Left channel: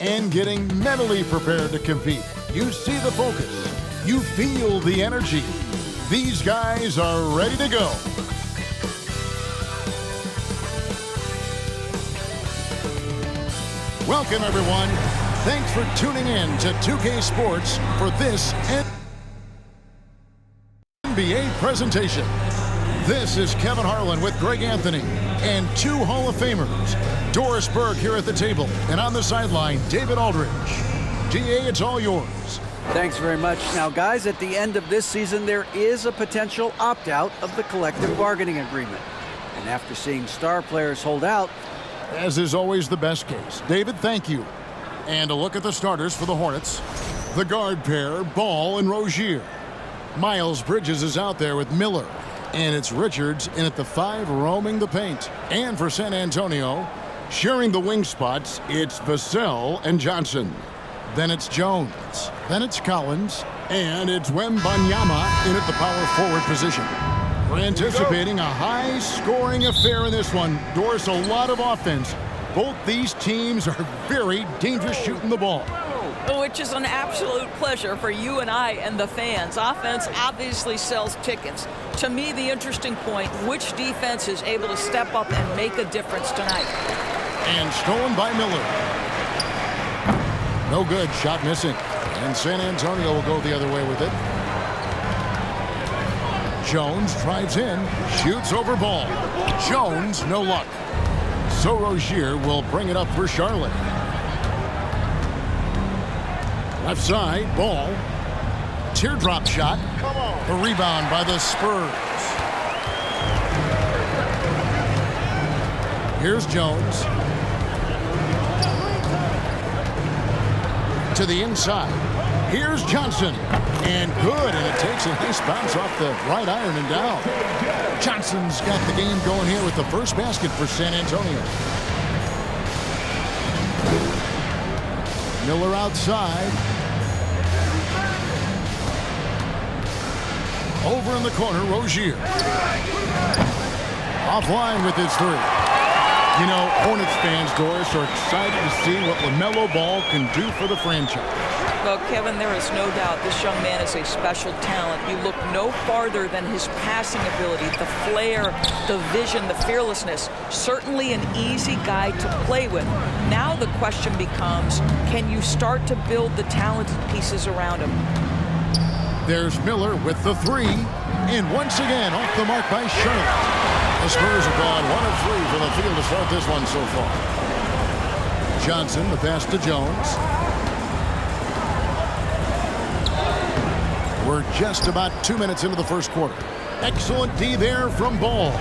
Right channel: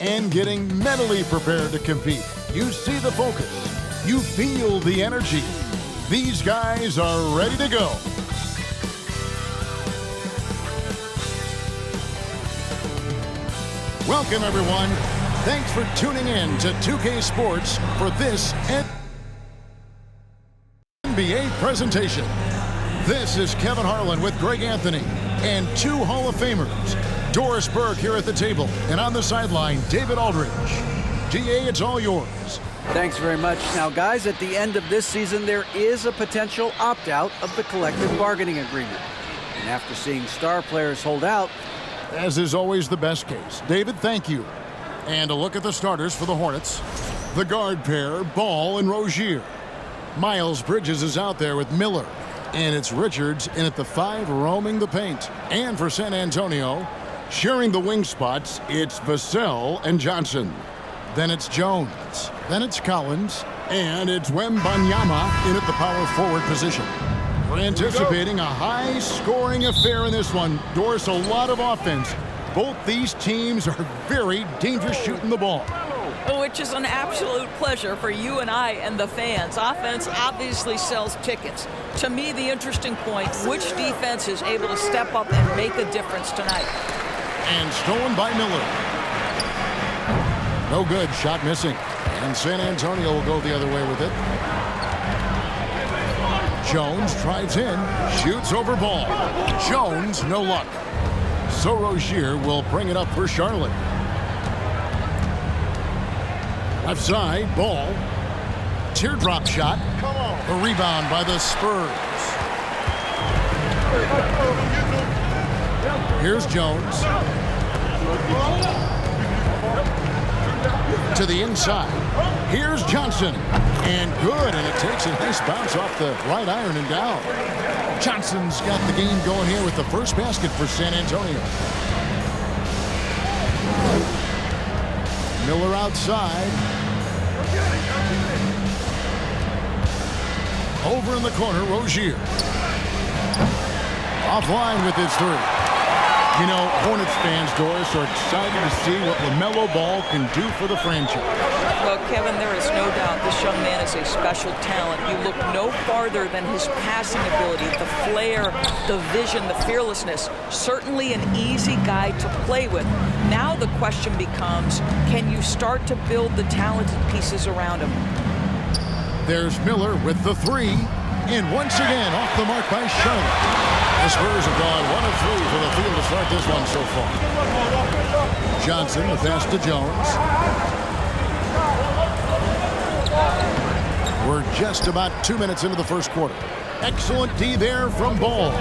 and getting mentally prepared to compete. You see the focus. You feel the energy. These guys are ready to go. Welcome, everyone. Thanks for tuning in to 2K Sports for this NBA presentation. This is Kevin Harlan with Greg Anthony and two Hall of Famers. Doris Berg here at the table, and on the sideline, David Aldridge. DA, it's all yours. Thanks very much. Now, guys, at the end of this season, there is a potential opt-out of the collective bargaining agreement. And after seeing star players hold out, as is always the best case. David, thank you. And a look at the starters for the Hornets. The guard pair, Ball and Rozier. Miles Bridges is out there with Miller. And it's Richards in at the 5 roaming the paint. And for San Antonio, sharing the wing spots, it's Vassell and Johnson. Then it's Jones. Then it's Collins. And it's Wembenyama in at the power forward position. We're anticipating a high-scoring affair in this one. Doris, a lot of offense. Both these teams are very dangerous shooting the ball. Which is an absolute pleasure for you and I and the fans. Offense obviously sells tickets. To me, the interesting point, which defense is able to step up and make a difference tonight? And stolen by Miller. No good, shot missing. And San Antonio will go the other way with it. Jones drives in, shoots over Ball. Jones, no luck. So Rozier will bring it up for Charlotte. Left side, Ball. Teardrop shot. The rebound by the Spurs. Here's Jones. To the inside. Here's Johnson. And good, and it takes a nice bounce off the right iron and down. Johnson's got the game going here with the first basket for San Antonio. Miller outside. Over in the corner, Rozier. Offline with his three. You know, Hornets fans, Doris, are excited to see what LaMelo Ball can do for the franchise. Well, Kevin, there is no doubt this young man is a special talent. You look no farther than his passing ability, the flair, the vision, the fearlessness. Certainly an easy guy to play with. Now the question becomes, can you start to build the talented pieces around him? There's Miller with the three. And once again, off the mark by Charlotte. The Spurs have gone 1 of 3 for the field to start this one so far. Johnson, the pass to Jones. We're just about 2 minutes into the first quarter. Excellent D there from Ball.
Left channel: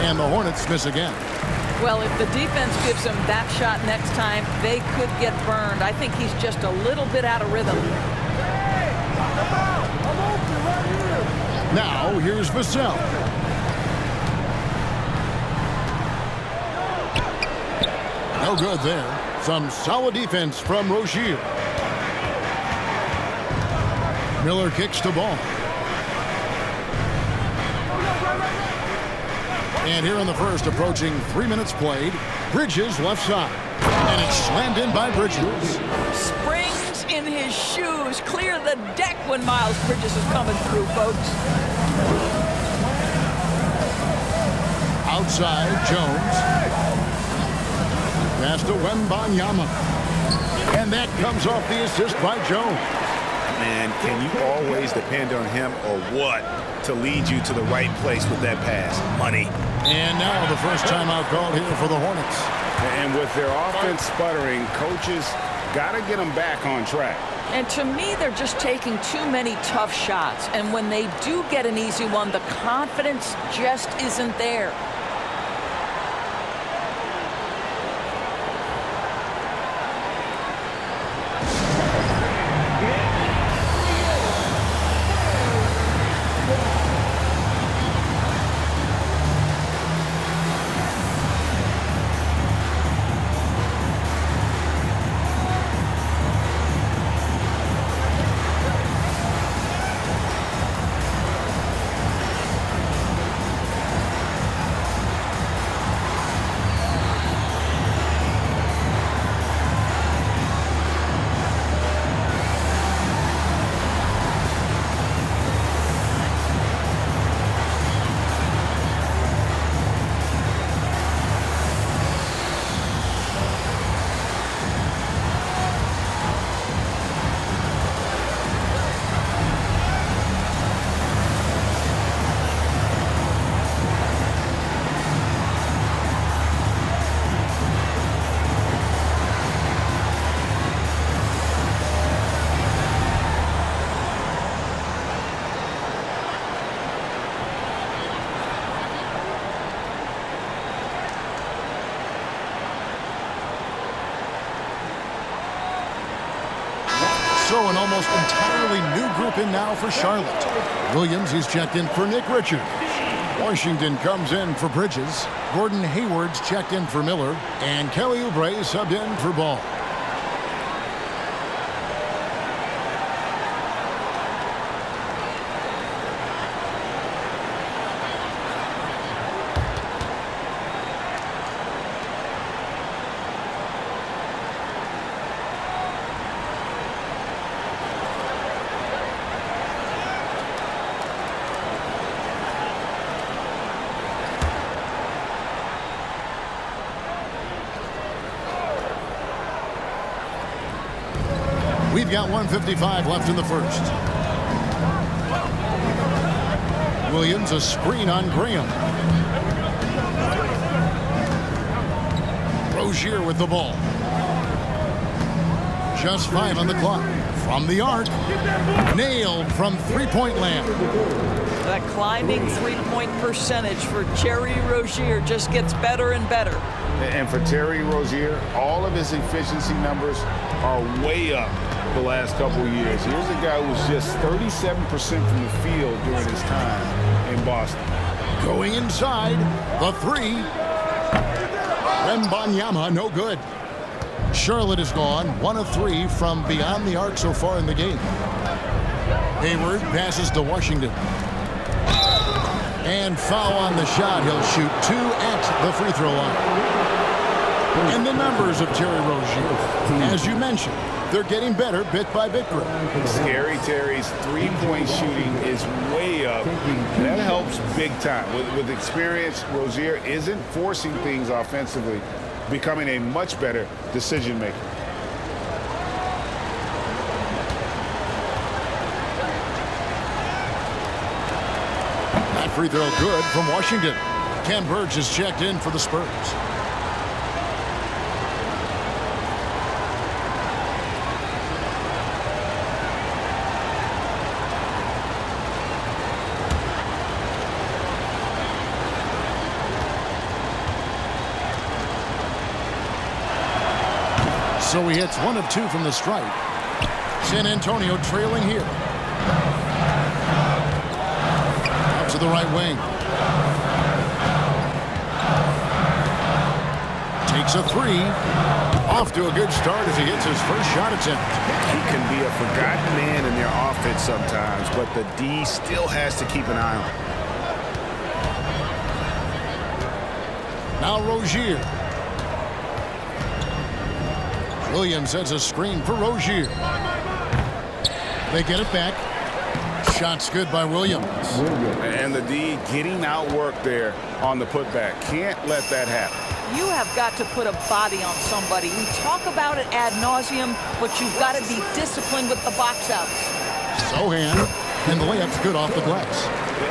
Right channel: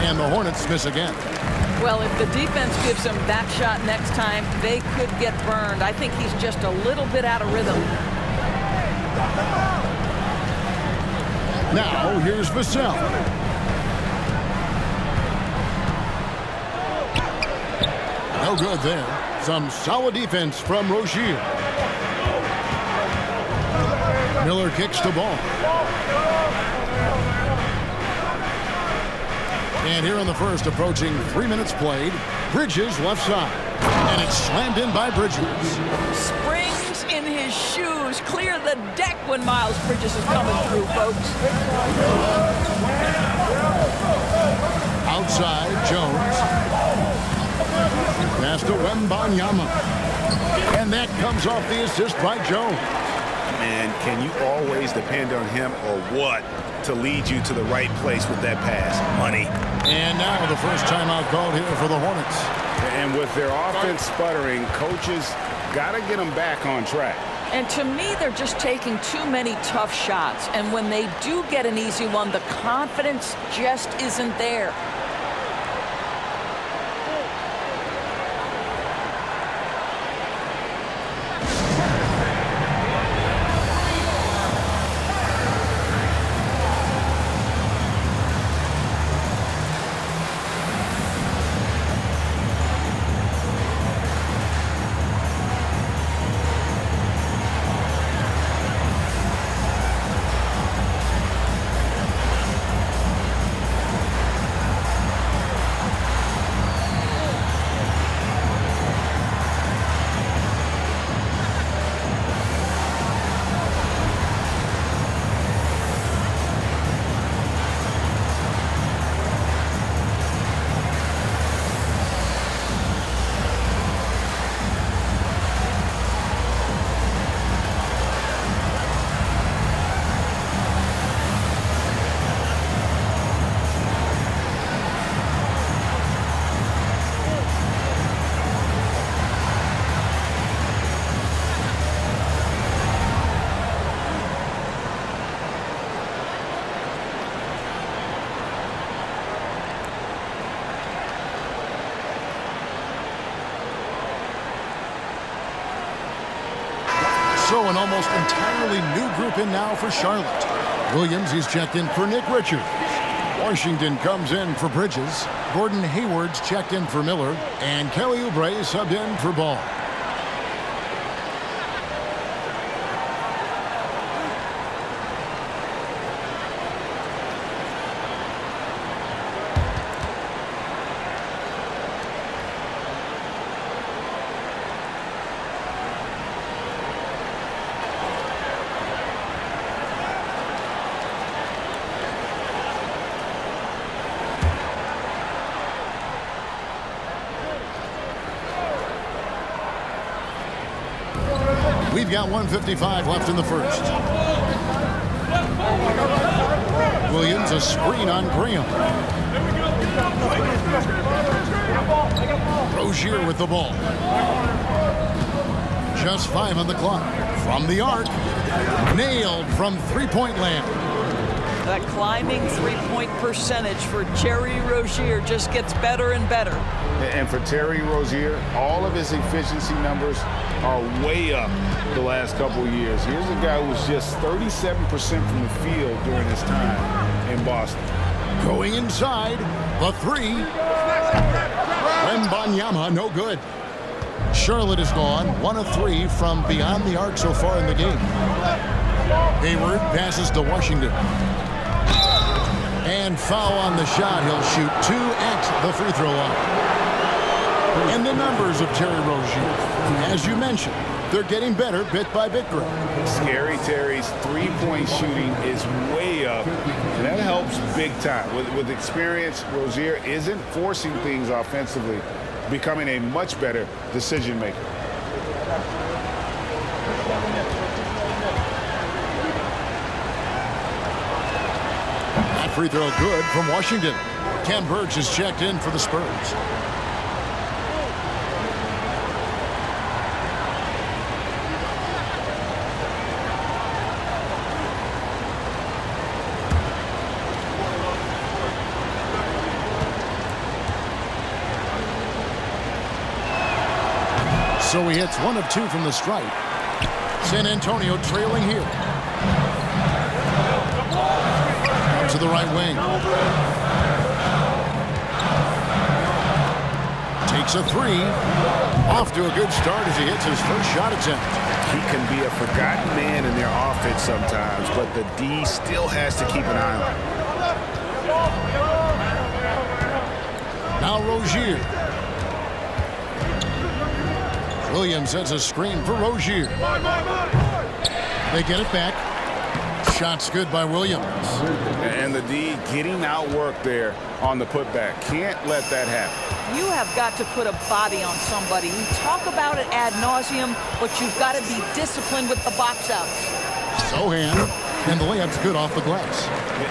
And the Hornets miss again. Well, if the defense gives him that shot next time, they could get burned. I think he's just a little bit out of rhythm. Now, here's Vassell. No good there. Some solid defense from Rozier. Miller kicks the ball. And here in the first, approaching 3 minutes played, Bridges left side. And it's slammed in by Bridges. Springs in his shoes. Clear the deck when Miles Bridges is coming through, folks. Outside, Jones. Pass to Wembenyama. And that comes off the assist by Jones. Man, can you always depend on him or what to lead you to the right place with that pass? Money. And now the first timeout called here for the Hornets. And with their offense sputtering, coaches got to get them back on track. And to me, they're just taking too many tough shots. And when they do get an easy one, the confidence just isn't there. So an almost entirely new group in now for Charlotte. Williams, he's checked in for Nick Richards. Washington comes in for Bridges. Gordon Hayward's checked in for Miller. And Kelly Oubre subbed in for Ball. We've got 1:55 left in the first. Williams, a screen on Graham. Rozier with the ball. Just 5 on the clock. From the arc. Nailed from three-point land. That climbing three-point percentage for Terry Rozier just gets better and better. And for Terry Rozier, all of his efficiency numbers are way up the last couple of years. Here's a guy who was just 37% from the field during his time in Boston. Going inside, the three. Wembenyama, no good. Charlotte is gone, 1 of 3 from beyond the arc so far in the game. Hayward passes to Washington. And foul on the shot. He'll shoot 2 at the free throw line. And the numbers of Terry Rozier, as you mentioned, they're getting better bit by bit, Greg. Scary Terry's three-point shooting is way up, and that helps big time. With experience, Rozier isn't forcing things offensively, becoming a much better decision maker. That free throw good from Washington. Ken Burge is checked in for the Spurs. So he hits 1 of 2 from the stripe. San Antonio trailing here. Out to the right wing. Takes a 3. Off to a good start as he hits his first shot attempt. He can be a forgotten man in their offense sometimes, but the D still has to keep an eye on him. Now Rozier. Williams sets a screen for Rozier. They get it back. Shot's good by Williams. And the D getting outworked there on the putback. Can't let that happen. You have got to put a body on somebody. We talk about it ad nauseum, but you've got to be disciplined with the box outs. Sohan, and the layup's good off the glass.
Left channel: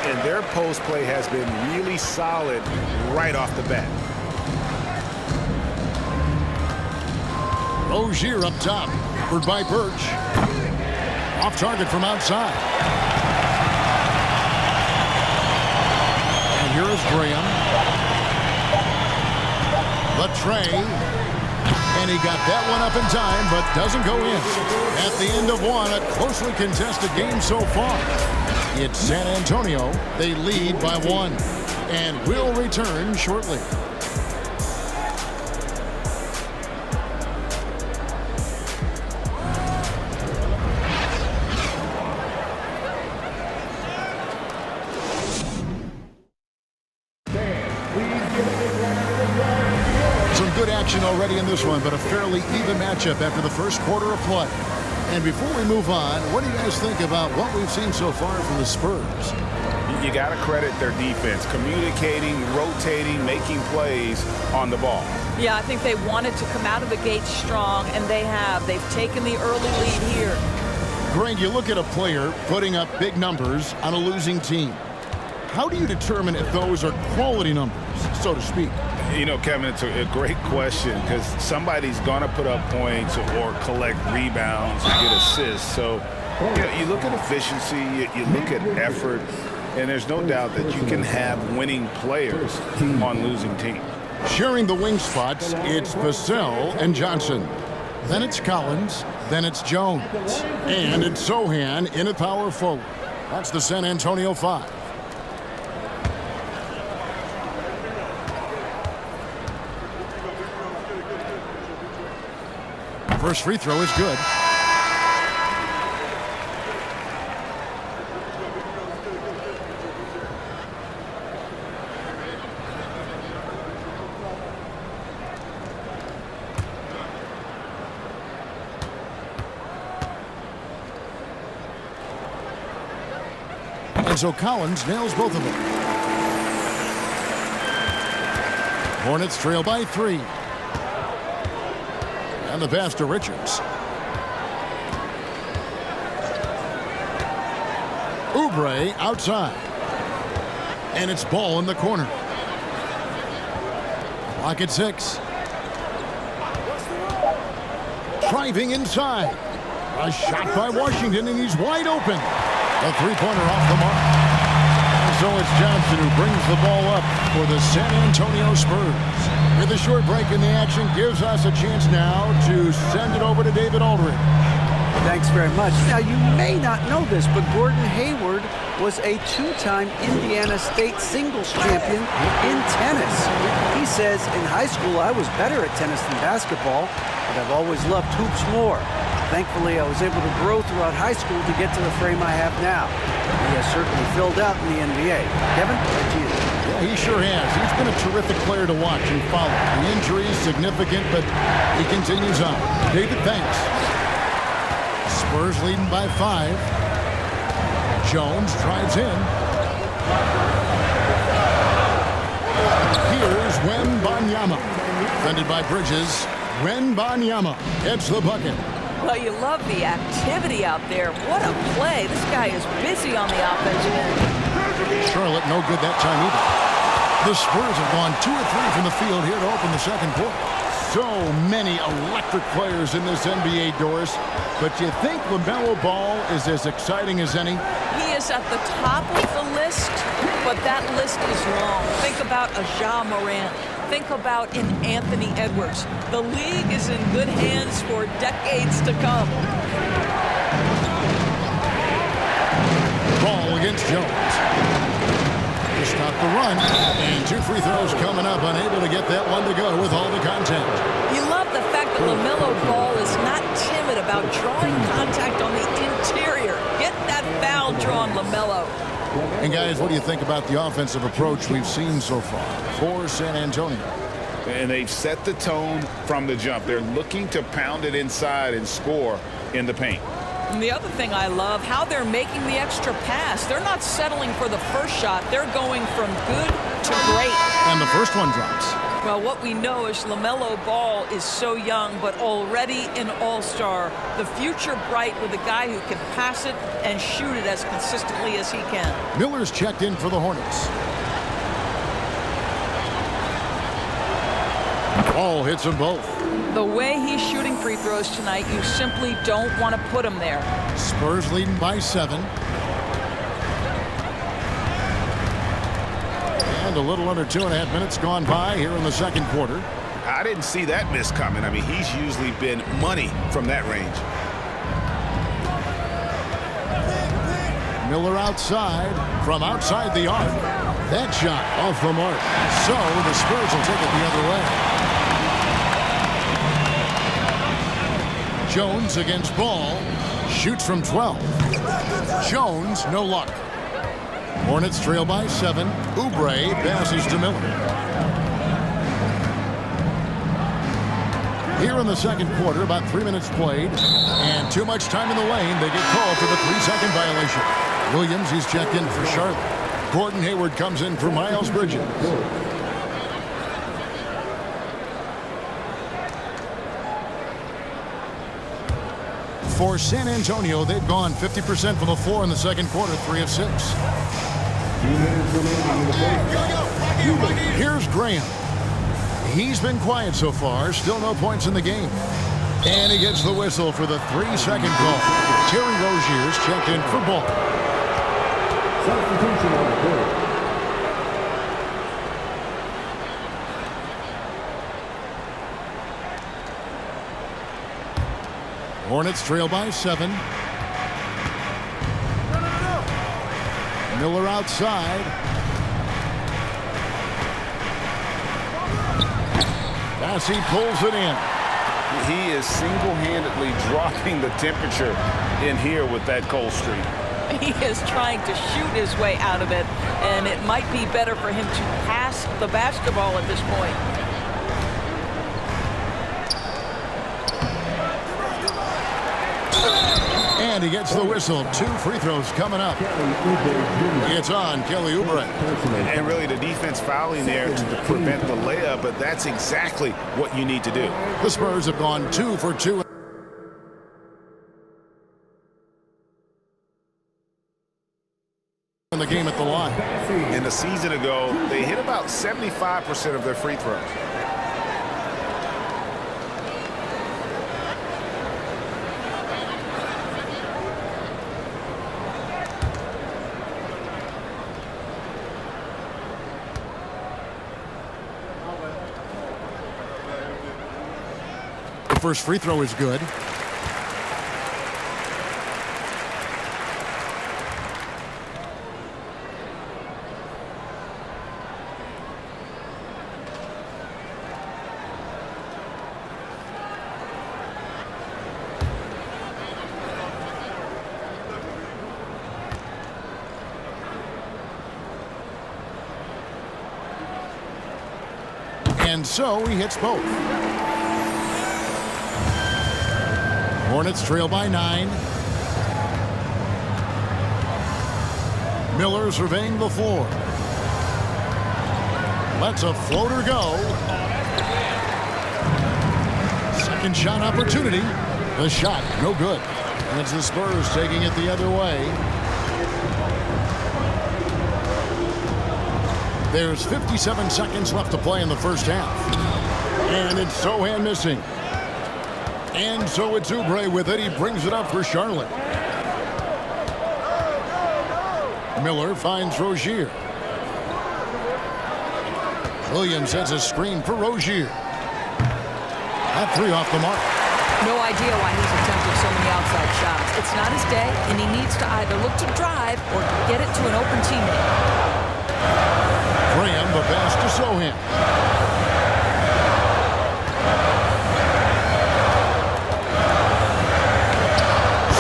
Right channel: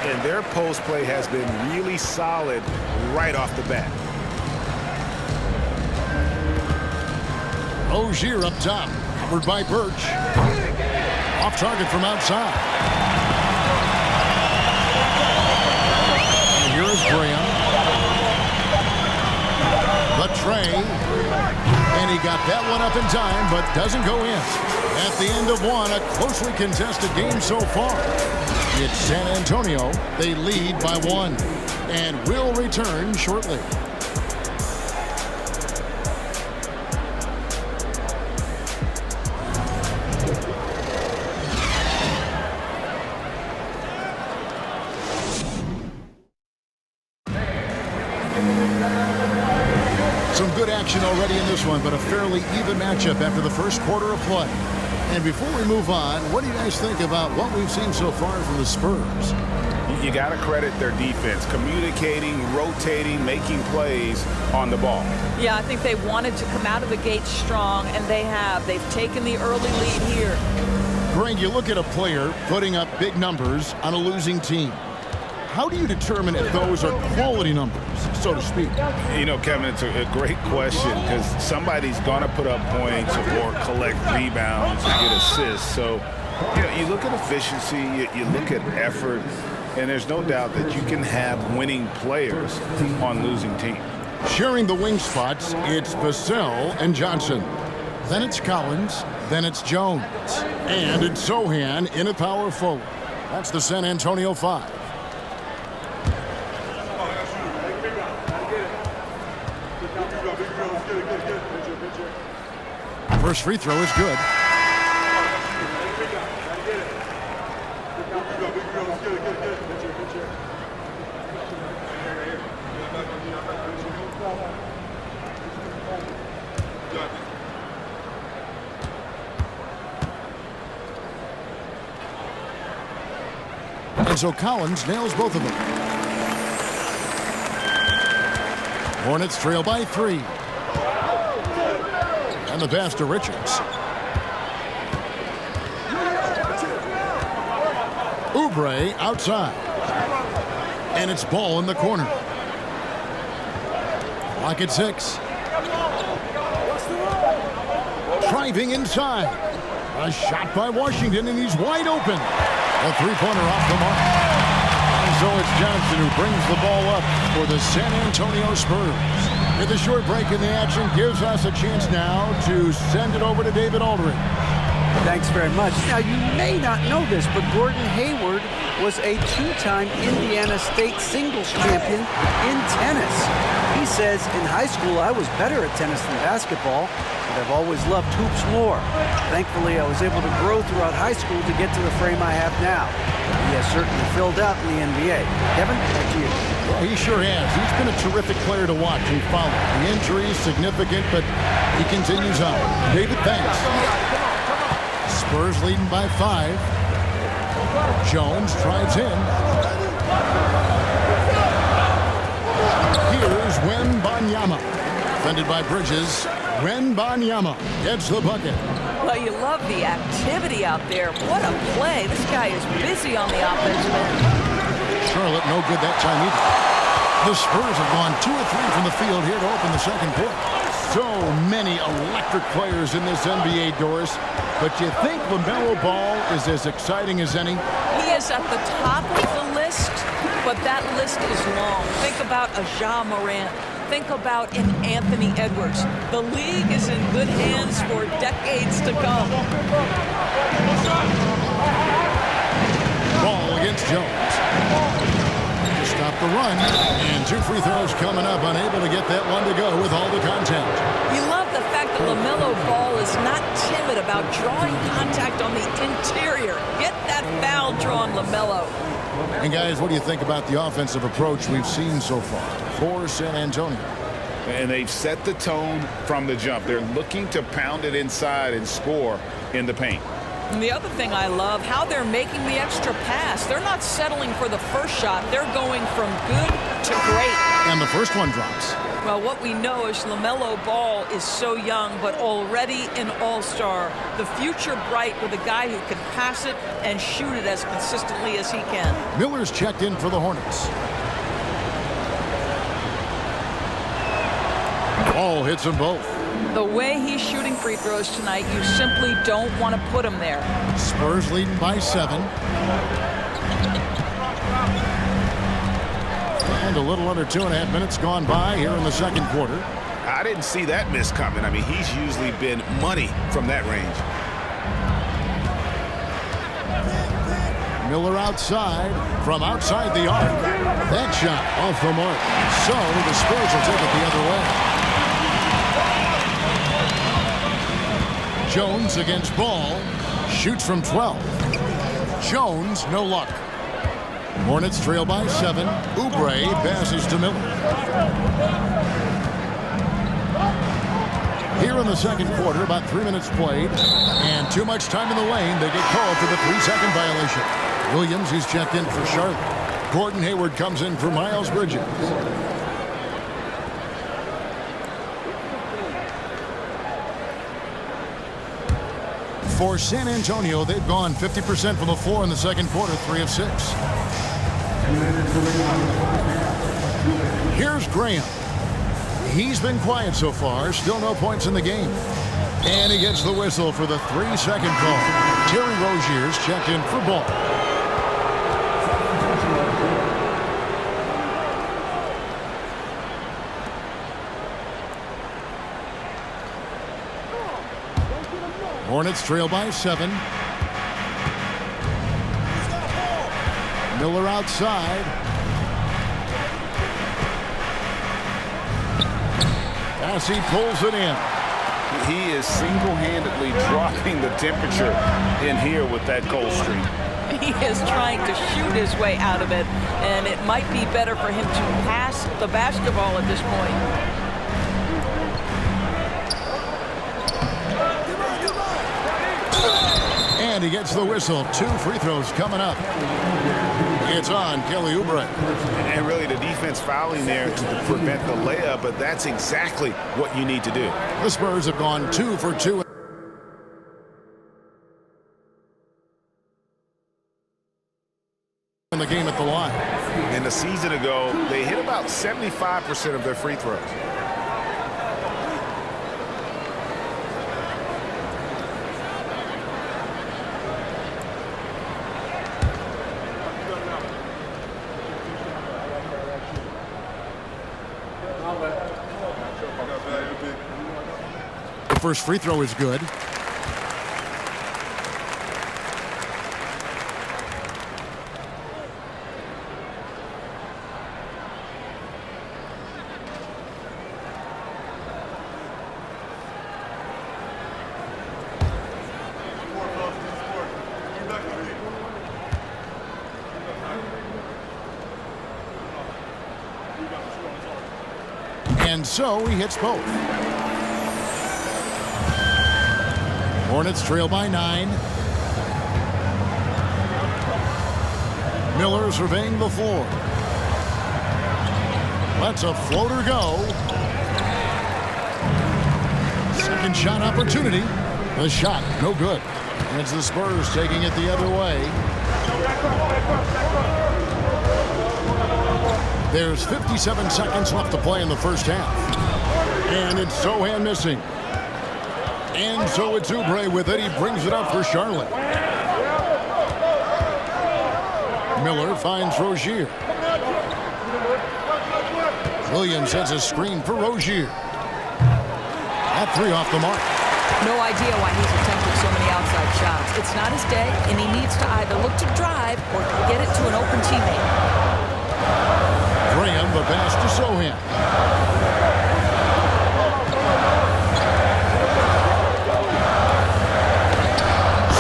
And their post play has been really solid right off the bat. Rozier up top, covered by Birch. Off target from outside. And here is Graham. The tray. And he got that one up in time, but doesn't go in. At the end of one, a closely contested game so far. It's San Antonio. They lead by 1 and will return shortly. Some good action already in this one, but a fairly even matchup after the first quarter of play. And before we move on, what do you guys think about what we've seen so far from the Spurs? You got to credit their defense, communicating, rotating, making plays on the ball. Yeah, I think they wanted to come out of the gate strong, and they have. They've taken the early lead here. Greg, you look at a player putting up big numbers on a losing team. How do you determine if those are quality numbers, so to speak? You know, Kevin, it's a great question because somebody's going to put up points or collect rebounds or get assists. So, you know, you look at efficiency, you look at effort, and there's no doubt that you can have winning players on losing teams. Sharing the wing spots, it's Vassell and Johnson. Then it's Collins. Then it's Jones. And it's Sohan in at power forward. That's the San Antonio 5. First free throw is good. And so Collins nails both of them. Hornets trail by 3. And the pass to Richards. Oubre outside. And it's Ball in the corner. Clock at 6. Driving inside. A shot by Washington, and he's wide open. A three-pointer off the mark. And so it's Johnson who brings the ball up for the San Antonio Spurs. With a short break in the action, gives us a chance now to send it over to David Aldridge. Thanks very much. Now, you may not know this, but Gordon Hayward was a 2-time Indiana State singles champion in tennis. He says, in high school, I was better at tennis than basketball, but I've always loved hoops more. Thankfully, I was able to grow throughout high school to get to the frame I have now. He has certainly filled out in the NBA. Kevin, back to you. Yeah, he sure has. He's been a terrific player to watch and follow. The injury is significant, but he continues on. David, thanks. Spurs leading by 5. Jones drives in. Here's Wembenyama. Defended by Bridges. Wembenyama gets the bucket. Well, you love the activity out there. What a play. This guy is busy on the offensive end. Charlotte no good that time either. The Spurs have gone 2 of 3 from the field here to open the second quarter. So many electric players in this NBA, Doris. But you think LaMelo Ball is as exciting as any? He is at the top of the list, but that list is long. Think about a Ja Morant. Think about an Anthony Edwards. The league is in good hands for decades to come. Ball against Jones. To stop the run. And 2 free throws coming up. Unable to get that one to go with all the contact. You love the fact that LaMelo Ball is not timid about drawing contact on the interior. Get that foul drawn, LaMelo. And guys, what do you think about the offensive approach we've seen so far for San Antonio? And they've set the tone from the jump. They're looking to pound it inside and score in the paint. And the other thing I love, how they're making the extra pass. They're not settling for the first shot. They're going from good to great. And the first one drops. Well, what we know is LaMelo Ball is so young, but already an all-star. The future bright with a guy who can pass it and shoot it as consistently as he can. Miller's checked in for the Hornets. Ball hits them both. The way he's shooting free throws tonight, you simply don't want to put him there. Spurs leading by 7. And a little under 2.5 minutes gone by here in the second quarter. I didn't see that miss coming. I mean, he's usually been money from that range. Miller outside, from outside the arc. That shot off the mark. So the Spurs will take it the other way. Jones against Ball. Shoots from 12. Jones, no luck. Hornets trail by 7. Oubre passes to Miller. Here in the second quarter, about 3 minutes played, and too much time in the lane. They get called for the 3-second violation. Williams, he's checked in for Charlotte. Gordon Hayward comes in for Miles Bridges. For San Antonio, they've gone 50% from the floor in the second quarter, 3 of 6. Here's Graham. He's been quiet so far, still no points in the game. And he gets the whistle for the 3-second call. Terry Rozier's checked in for Ball. Hornets trail by 7. Miller outside. As he pulls it in. He is single-handedly dropping the temperature in here with that cold streak. He is trying to shoot his way out of it, and it might be better for him to pass the basketball at this point. And he gets the whistle. 2 free throws coming up. It's on Kelly Oubre. And really the defense fouling there to prevent the layup, but that's exactly what you need to do. The Spurs have gone 2 for 2 in the game at the line. And a season ago, they hit about 75% of their free throws. The first free throw is good. And so he hits both. Hornets trail by 9. Miller surveying the floor. Lets a floater go. Second shot opportunity. The shot, no good. And it's the Spurs taking it the other way. There's 57 seconds left to play in the first half. And it's Sohan missing. And so it's Oubre with it. He brings it up for Charlotte. Miller finds Rozier. Williams sets a screen for Rozier. That 3 off the mark. No idea why he's attempting so many outside shots. It's not his day, and he needs to either look to drive or get it to an open teammate. Graham, the pass to Sohan.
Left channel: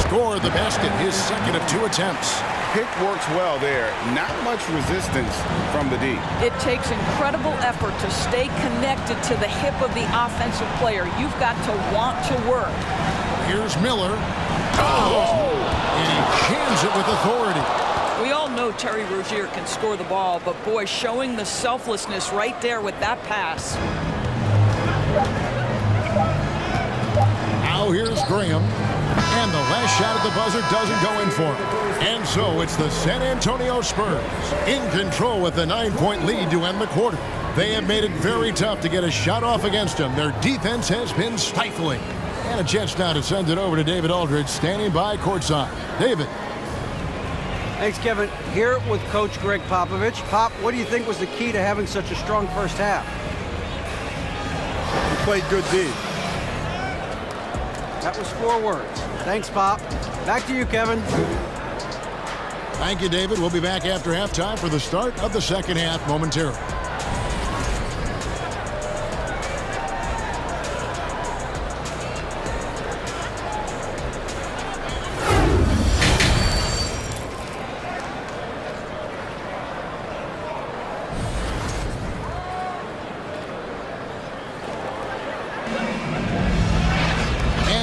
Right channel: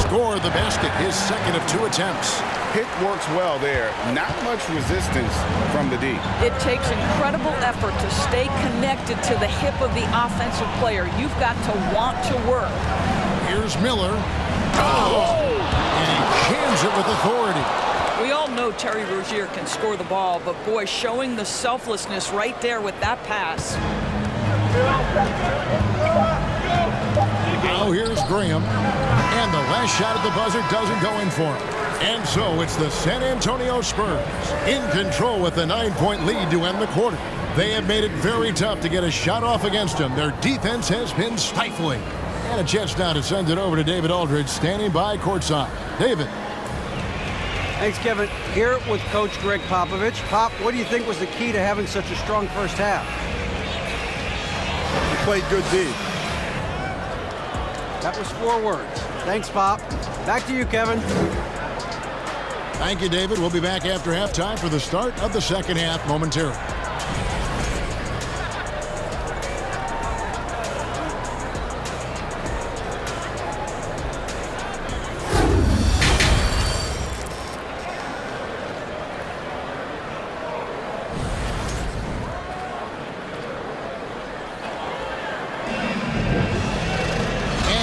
Score the basket, his second of 2 attempts. Pick works well there. Not much resistance from the D. It takes incredible effort to stay connected to the hip of the offensive player. You've got to want to work. Here's Miller. Oh! And he jams it with authority. We all know Terry Rozier can score the ball, but boy, showing the selflessness right there with that pass. Now here's Graham. And the last shot at the buzzer doesn't go in for him. And so it's the San Antonio Spurs in control with a 9-point lead to end the quarter. They have made it very tough to get a shot off against them. Their defense has been stifling. And a chance now to send it over to David Aldridge, standing by courtside. David. Thanks, Kevin. Here with Coach Greg Popovich. Pop, what do you think was the key to having such a strong first half? We played good D. That was 4 words. Thanks, Pop. Back to you, Kevin. Thank you, David. We'll be back after halftime for the start of the second half momentarily.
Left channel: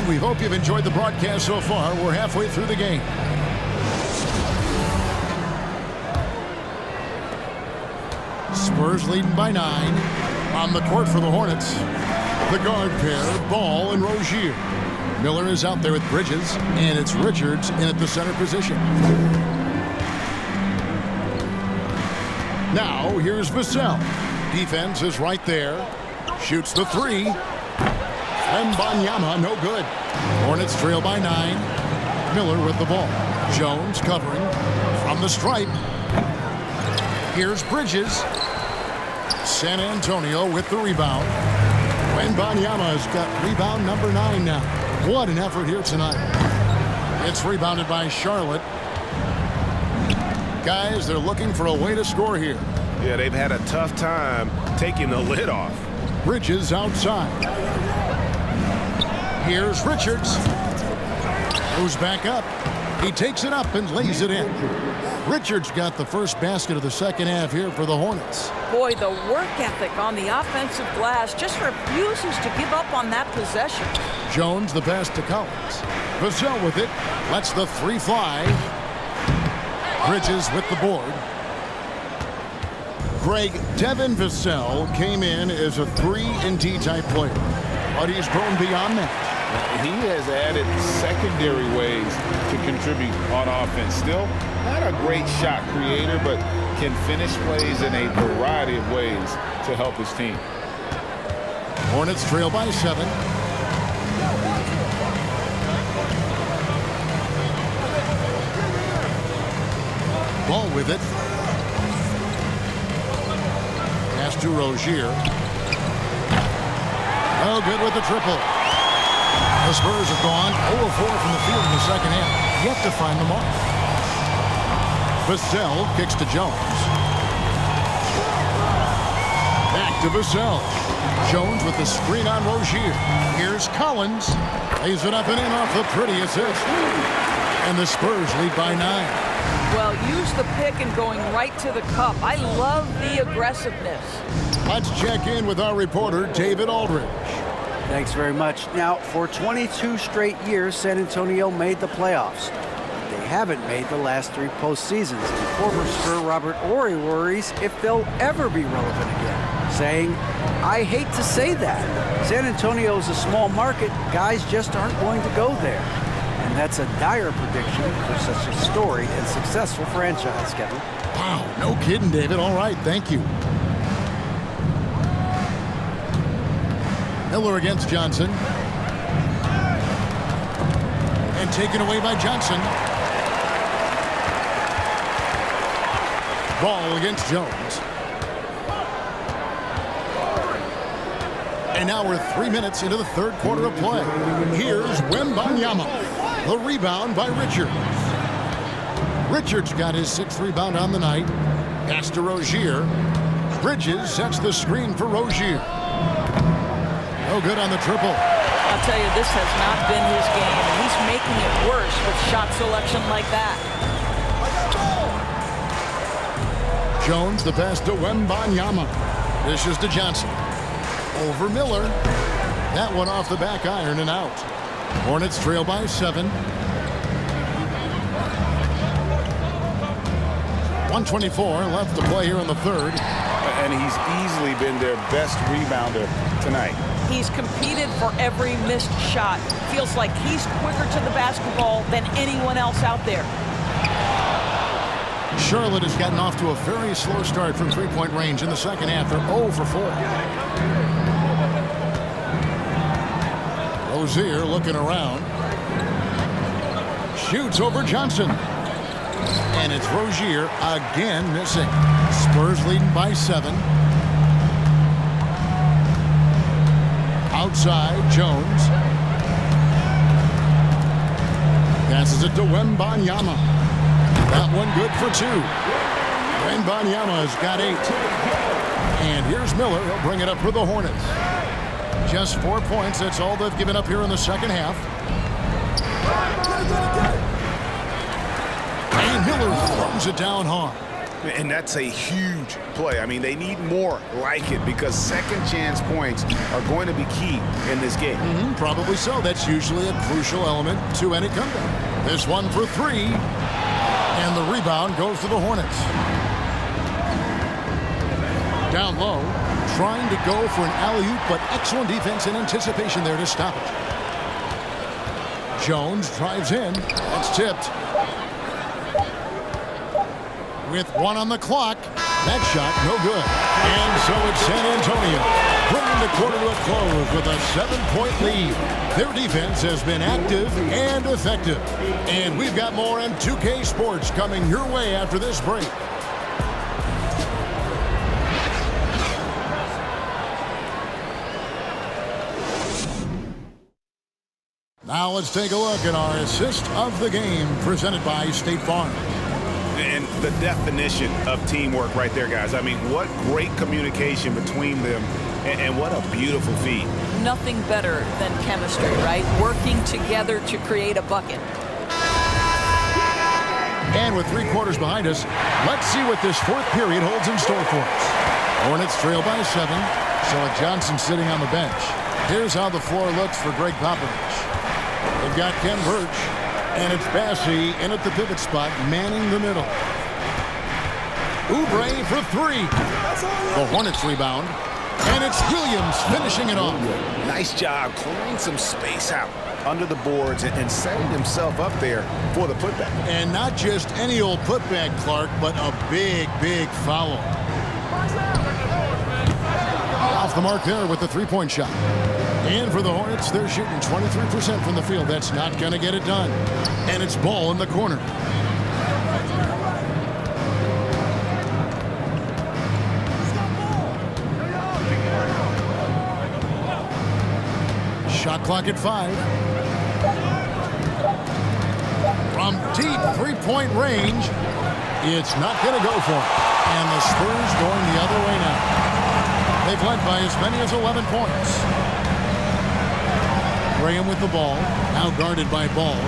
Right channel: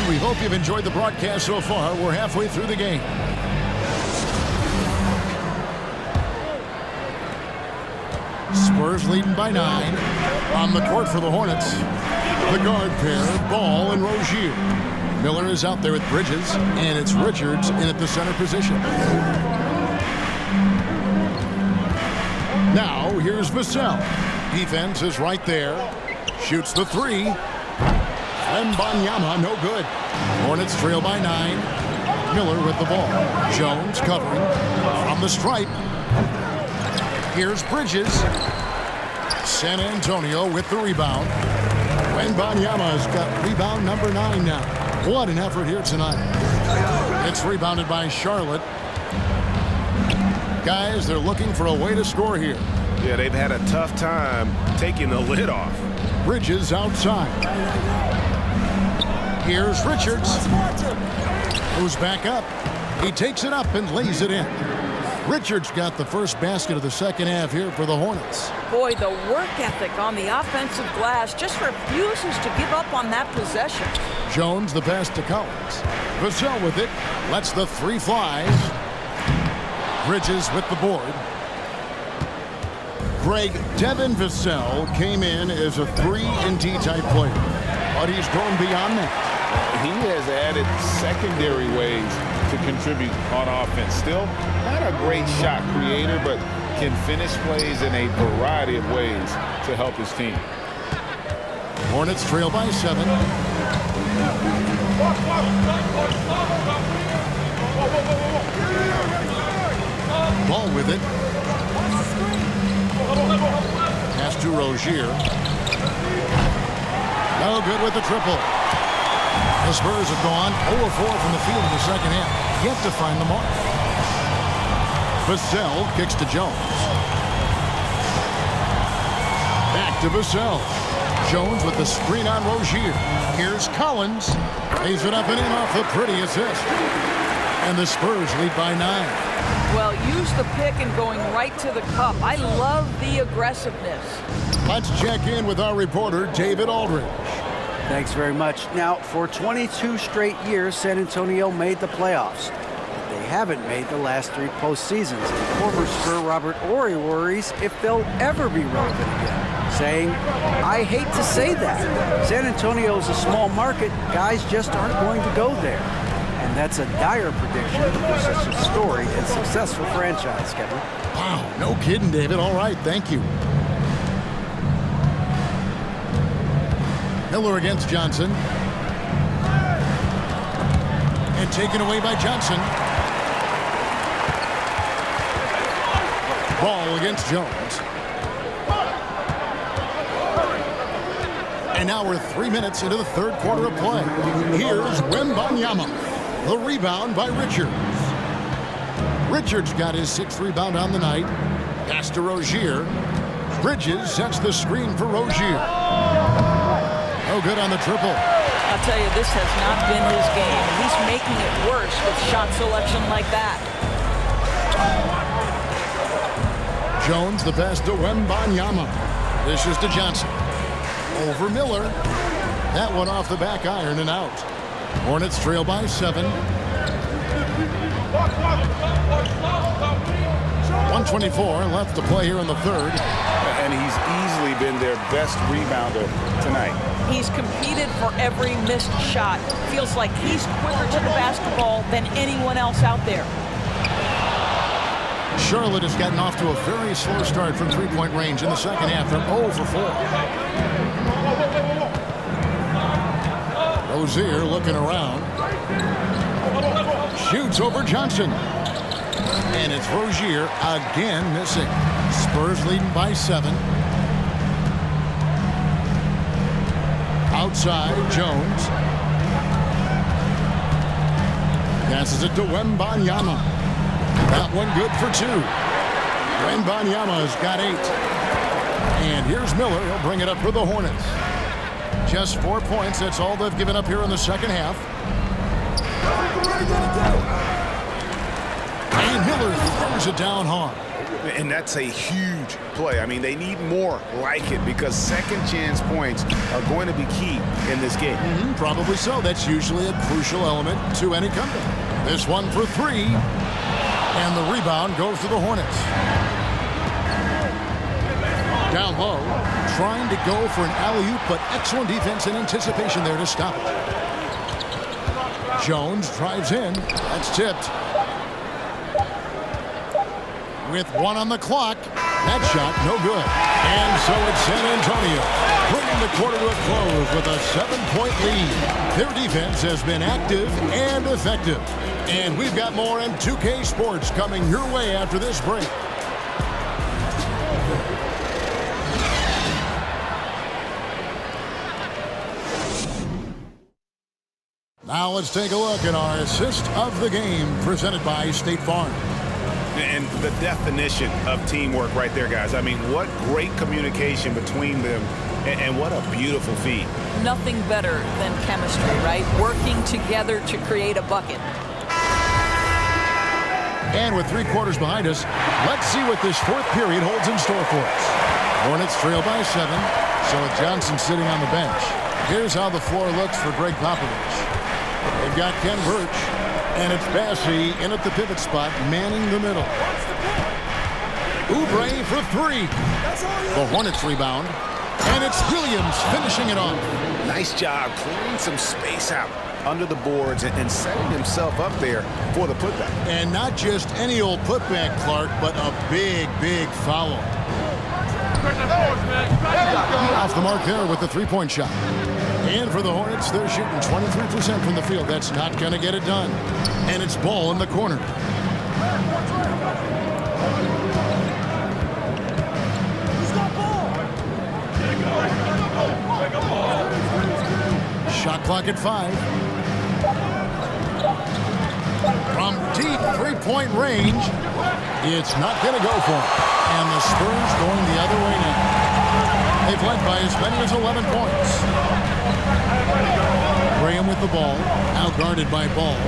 We hope you've enjoyed the broadcast so far. We're halfway through the game. Spurs leading by 9. On the court for the Hornets, the guard pair, Ball and Rozier. Miller is out there with Bridges, and it's Richards in at the center position. Now, here's Vassell. Defense is right there. Shoots the 3. Wembenyama, no good. Hornets trail by 9. Miller with the ball. Jones covering from the stripe. Here's Bridges. San Antonio with the rebound. Wembenyama's got rebound number 9 now. What an effort here tonight. It's rebounded by Charlotte. Guys, they're looking for a way to score here. Yeah, they've had a tough time taking the lid off. Bridges outside. Here's Richards. Goes back up. He takes it up and lays it in. Richards got the first basket of the second half here for the Hornets. Boy, the work ethic on the offensive glass just refuses to give up on that possession. Jones the pass to Collins. Vassell with it. Lets the three fly. Bridges with the board. Devin Vassell came in as a 3-and-D type player, but he's grown beyond that. He has added secondary ways to contribute on offense. Still not a great shot creator, but can finish plays in a variety of ways to help his team. Hornets trail by 7. Ball with it. Pass to Rozier. No good with the triple. The Spurs have gone 0-4 from the field in the second half. Yet to find the mark. Vassell kicks to Jones. Back to Vassell. Jones with the screen on Rozier. Here's Collins. Lays it up and in off the pretty assist. And the Spurs lead by 9. Well, use the pick and going right to the cup. I love the aggressiveness. Let's check in with our reporter, David Aldridge. Thanks very much. Now, for 22 straight years, San Antonio made the playoffs. But they haven't made the last 3 postseasons. And former Spur Robert Horry worries if they'll ever be relevant again, saying, I hate to say that. San Antonio is a small market. Guys just aren't going to go there. And that's a dire prediction for such a storied and successful franchise, Kevin. Wow, no kidding, David. All right, thank you. Miller against Johnson. And taken away by Johnson. Ball against Jones. And now we're 3 minutes into the third quarter of play. Here's Wembenyama. The rebound by Richards. Richards got his 6th rebound on the night. Pass to Rozier. Bridges sets the screen for Rozier. No good on the triple. I'll tell you, this has not been his game, and he's making it worse with shot selection like that. Jones the pass to Wembenyama. Dishes to Johnson. Over Miller. That one off the back iron and out. Hornets trail by 7. 124 left to play here in the third. And he's easily been their best rebounder tonight. He's competed for every missed shot. Feels like he's quicker to the basketball than anyone else out there. Charlotte has gotten off to a very slow start from three-point range in the second half. They're 0 for 4. Rozier looking around. Shoots over Johnson. And it's Rozier again missing. Spurs leading by 7. Outside, Jones. Passes it to Wembenyama. That one good for 2. Wembenyama's got 8. And here's Miller. He'll bring it up for the Hornets. Just 4 points. That's all they've given up here in the second half. And Miller throws it down hard. And that's a huge play. I mean, they need more like it because second chance points are going to be key in this game. Probably so. That's usually a crucial element to any comeback. This one for 3. And the rebound goes to the Hornets. Down low, trying to go for an alley-oop, but excellent defense and anticipation there to stop it. Jones drives in. That's tipped. With 1 on the clock, that shot no good. And so it's San Antonio, bringing the quarter to a close with a 7-point lead. Their defense has been active and effective. And we've got more on 2K Sports coming your way after this break. Now let's take a look at our assist of the game presented by State Farm. And the definition of teamwork right there, guys. I mean, what great communication between them, and what a beautiful feed. Nothing better than chemistry, right? Working together to create a bucket. And with 3 quarters behind us, let's see what this 4th period holds in store for us. Hornets trail by 7, so with Johnson sitting on the bench. Here's how the floor looks for Greg Popovich. They've got Ken Birch, and it's Bassey in at the pivot spot, manning the middle. Oubre for 3. The Hornets rebound, and it's Williams finishing it off. Nice job clearing some space out under the boards and setting himself up there for the putback. And not just any old putback, Clark, but a big, big foul. Off the mark there with the 3-point shot. And for the Hornets, they're shooting 23% from the field. That's not going to get it done. And it's ball in the corner. Shot clock at 5. From deep 3-point range, it's not going to go for him. And the Spurs going the other way now. They've led by as many as 11 points. Graham with the ball, now guarded by Ball.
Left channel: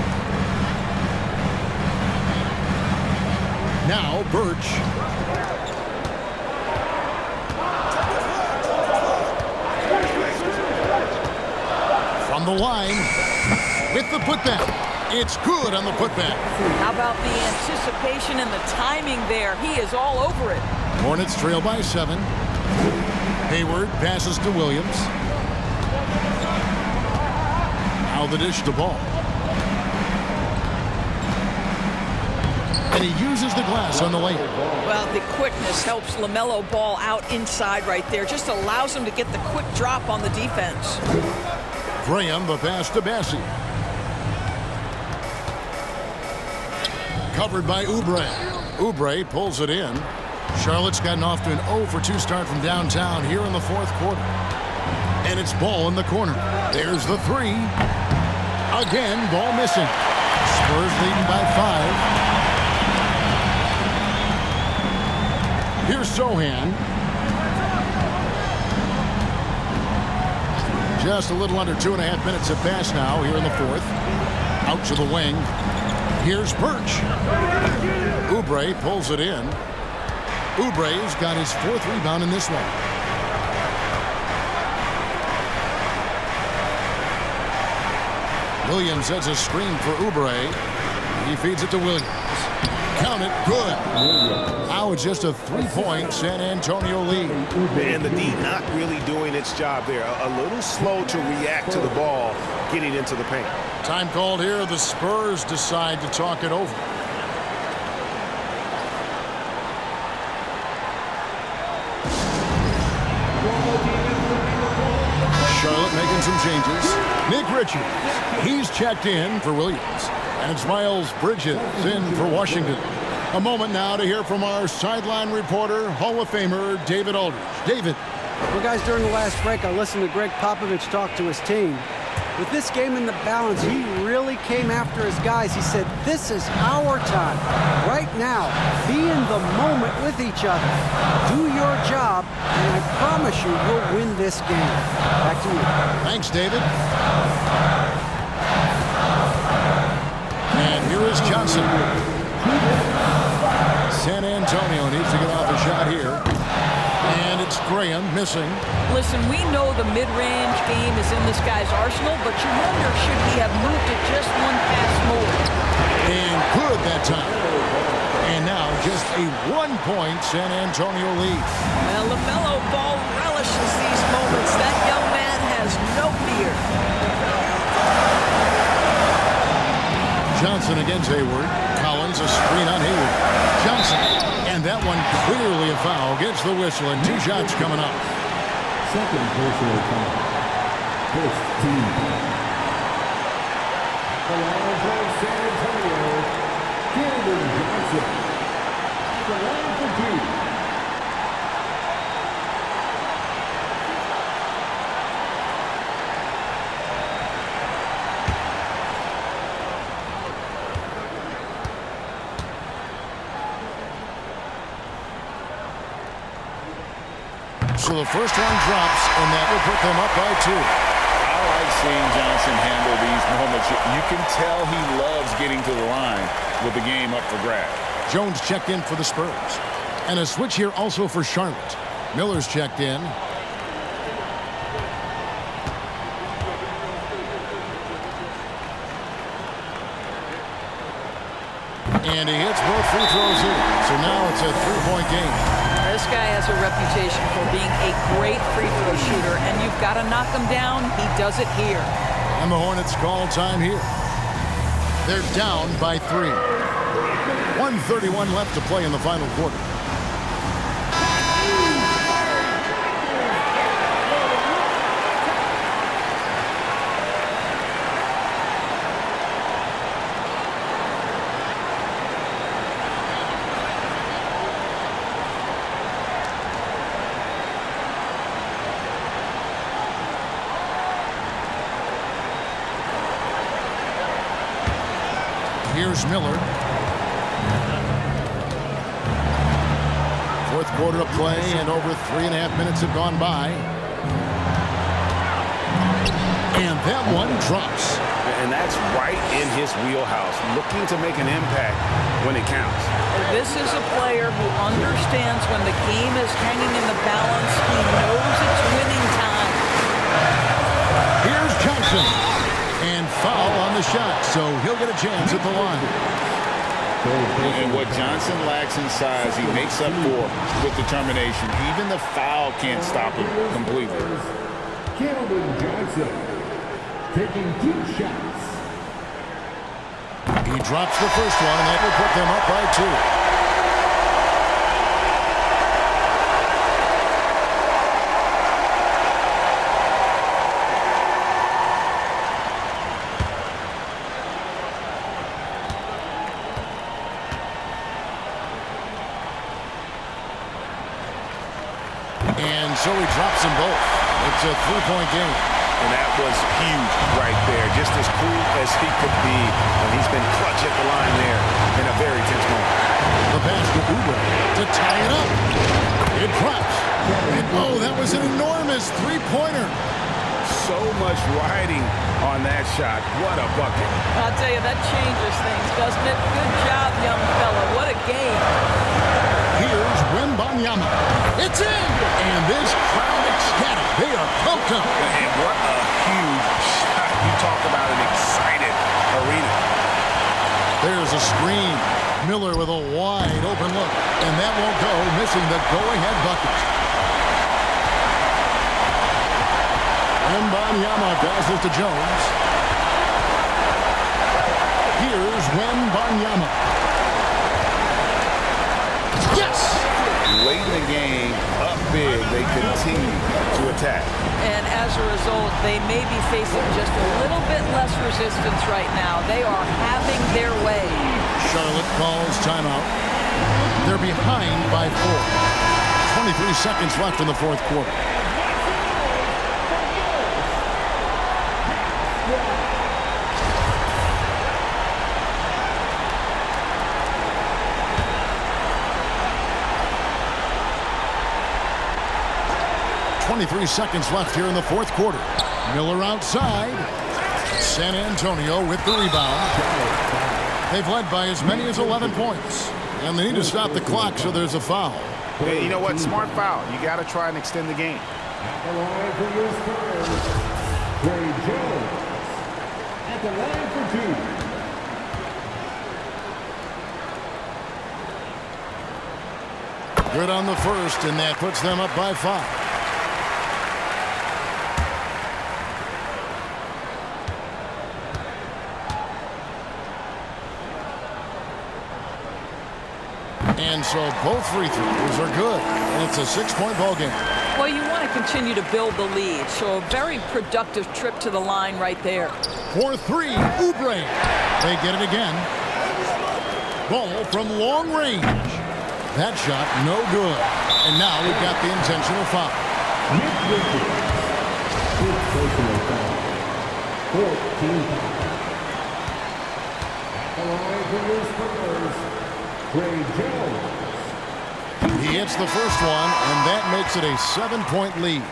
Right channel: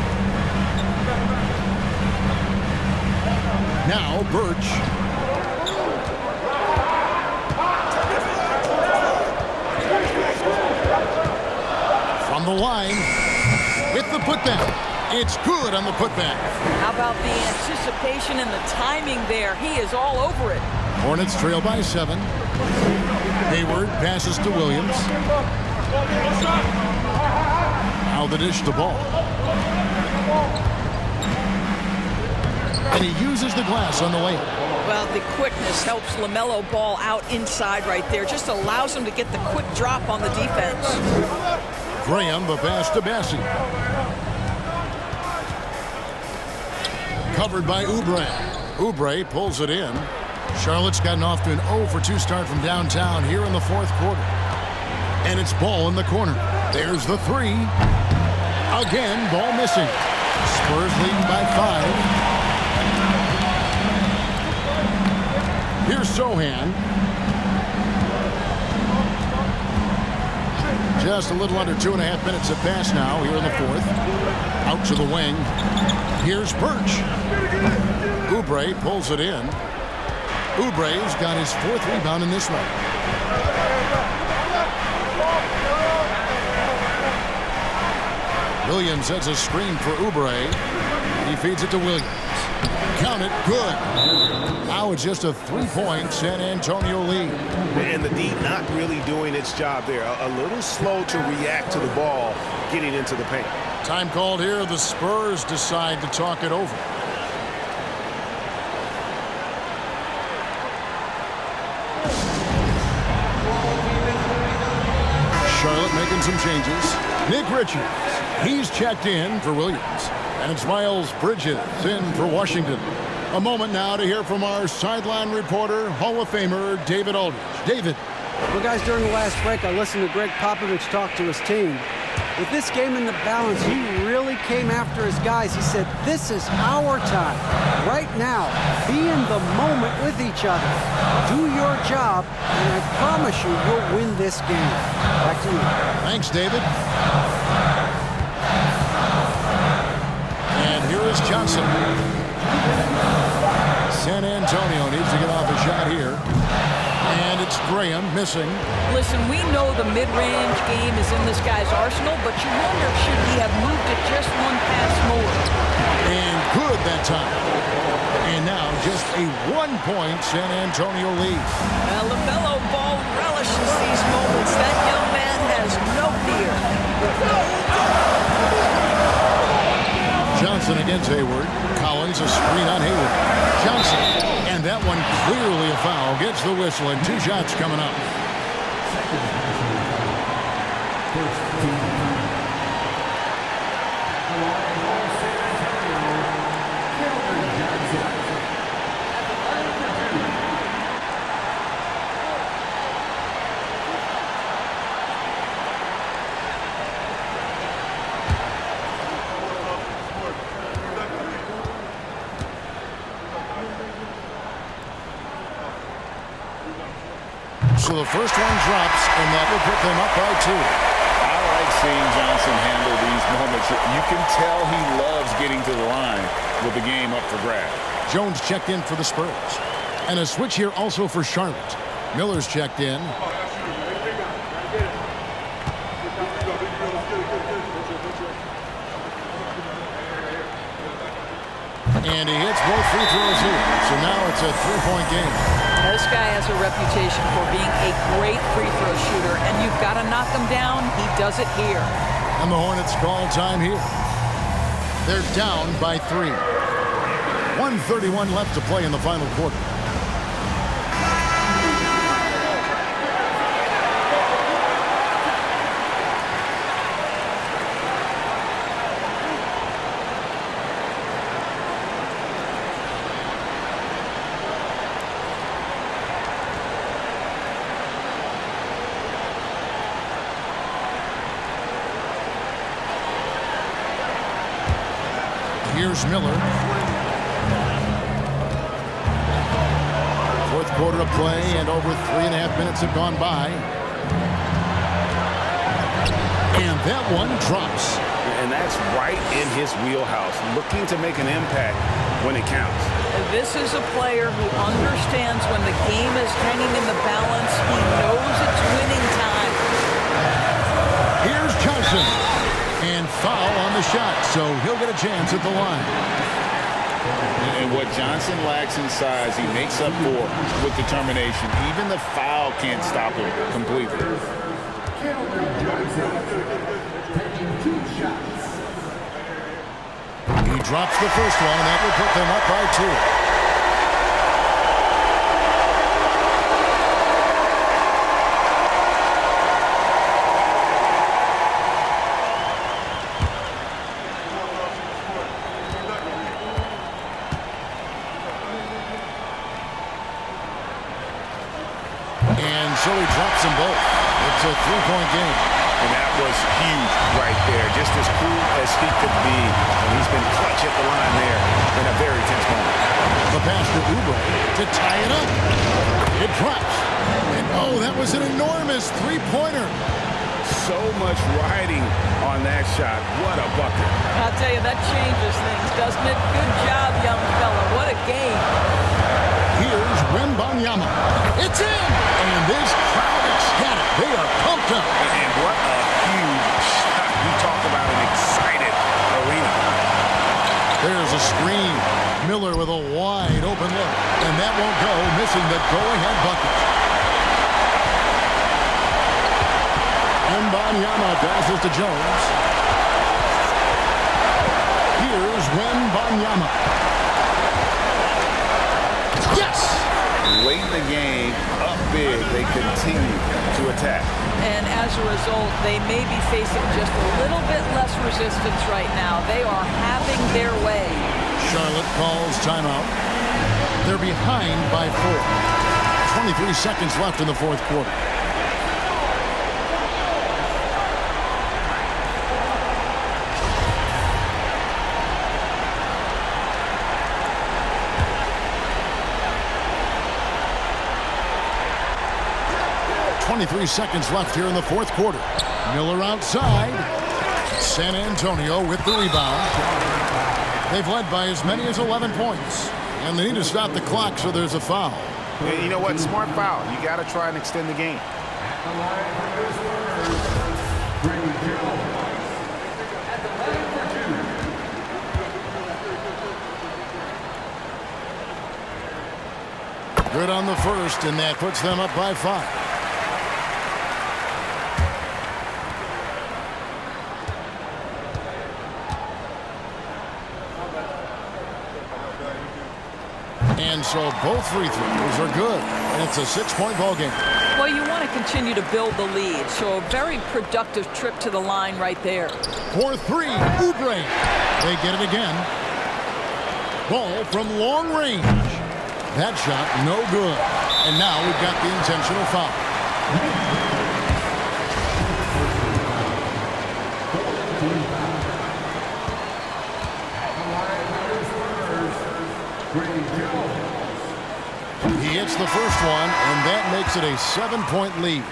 Now Birch. From the line, with the putback. It's good on the putback. How about the anticipation and the timing there? He is all over it. Hornets trail by 7. Hayward passes to Williams. Now the dish to Ball. And he uses the glass on the layup. Well, the quickness helps LaMelo Ball out inside right there. Just allows him to get the quick drop on the defense. Graham, the pass to Bassey. Covered by Oubre. Oubre pulls it in. Charlotte's gotten off to an 0-for-2 start from downtown here in the 4th quarter. And it's Ball in the corner. There's the 3. Again, Ball missing. Spurs leading by 5. Here's Sohan. Just a little under 2.5 minutes have passed now here in the 4th. Out to the wing. Here's Birch. Oubre pulls it in. Oubre's got his 4th rebound in this one. Williams has a screen for Oubre. He feeds it to Williams. Count it, good. Now it's just a 3-point San Antonio lead. And the D not really doing its job there. A little slow to react to the ball getting into the paint. Time called here. The Spurs decide to talk it over. Charlotte making some changes. Nick Richards, he's checked in for Williams. And it's Miles Bridges in for Washington. A moment now to hear from our sideline reporter, Hall of Famer David Aldridge. David. Well, guys, during the last break, I listened to Greg Popovich talk to his team. With this game in the balance, he really came after his guys. He said, this is our time. Right now, be in the moment with each other. Do your job, and I promise you, you'll win this game. Back to you. Thanks, David. And here is Johnson. San Antonio needs to get off a shot here. And it's Graham missing. Listen, we know the mid-range game is in this guy's arsenal, but you wonder, should he have moved it just one pass more? And good that time. And now just a 1-point San Antonio lead. Well, LaMelo Ball relishes these moments. That young man has no fear. Johnson against Hayward. Collins a screen on Hayward. Johnson. And that one clearly a foul. Gets the whistle and 2 shots coming up. Second personal foul. First team foul. The line for San Antonio, Cameron Johnson. At the line for 2. So the first one drops, and that will put them up by 2. I like seeing Johnson handle these moments. You can tell he loves getting to the line with the game up for grabs. Jones checked in for the Spurs. And a switch here also for Charlotte. Miller's checked in. And he hits both free throws here. So now it's a 3-point game. This guy has a reputation for being a great free throw shooter, and you've got to knock him down. He does it here. And the Hornets call time here. They're down by 3. 1:31 left to play in the final quarter. Here's Miller. Fourth quarter of play, and over 3.5 minutes have gone by. And that one drops. And that's right in his wheelhouse, looking to make an impact when it counts. This is a player who understands when the game is hanging in the balance. He knows it's winning time. Here's Johnson. And foul on the shot, so he'll get a chance at the line. And what Johnson lacks in size, he makes up for with determination. Even the foul can't stop him completely. Johnson taking 2 shots. He drops the first one, and that will put them up by 2. And so he drops them both. It's a 3-point game. And that was huge right there. Just as cool as he could be. And he's been clutch at the line there in a very tense moment. The pass to Oubre to tie it up. It drops. And oh, that was an enormous 3-pointer. So much riding on that shot. What a bucket. I'll tell you, that changes things, doesn't it? Good job, young fella. What a game. Here's Wembenyama. It's in! And this crowd ecstatic. They are pumped up. And what a huge shot. You talk about an excited arena. There's a screen. Miller with a wide open look. And that won't go, missing the go-ahead bucket. Wembenyama passes to Jones. Here's Wembenyama. Yes! Late in the game, up big, they continue to attack. And as a result, they may be facing just a little bit less resistance right now. They are having their way. Charlotte calls timeout. They're behind by 4. 23 seconds left in the fourth quarter. .23 seconds left here in the fourth quarter. Miller outside. San Antonio with the rebound. They've led by as many as 11 points. And they need to stop the clock, so there's a foul. Yeah, you know what? Smart foul. You got to try and extend the game. At the line for your Spurs, Ray Jones. At the line for 2. Good on the first, and that puts them up by 5. And so both free throws are good, and it's a 6-point ball game. Well, you want to continue to build the lead, so a very productive trip to the line right there. For 3, Oubre. They get it again. Ball from long range. That shot, no good. And now we've got the intentional foul. Personal foul. 14 foul. At the line for your Spurs, Ray Jones. He hits the first one, and that makes it a 7-point lead.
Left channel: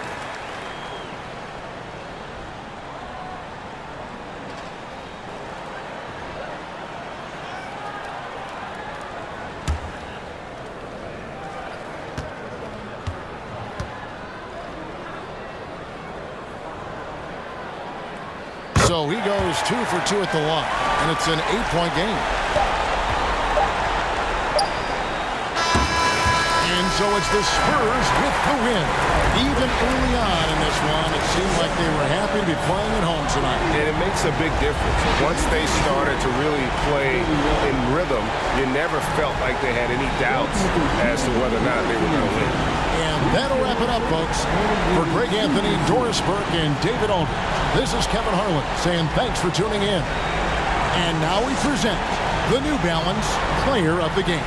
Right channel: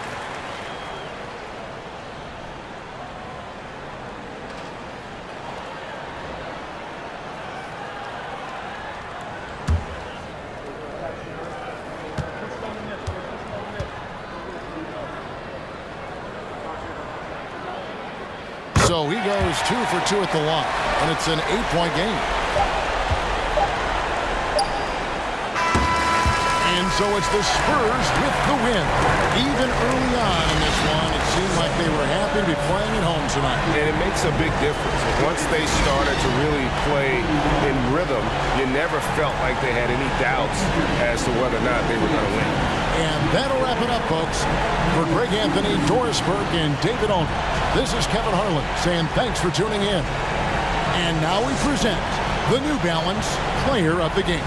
So he goes 2 for 2 at the line, and it's an 8-point game. And so it's the Spurs with the win. Even early on in this one, it seemed like they were happy to be playing at home tonight. And it makes a big difference. Once they started to really play in rhythm, you never felt like they had any doubts as to whether or not they were going to win. And that'll wrap it up, folks. For Greg Anthony, Doris Burke, and David Aldridge, this is Kevin Harlan saying thanks for tuning in. And now we present the New Balance Player of the Game.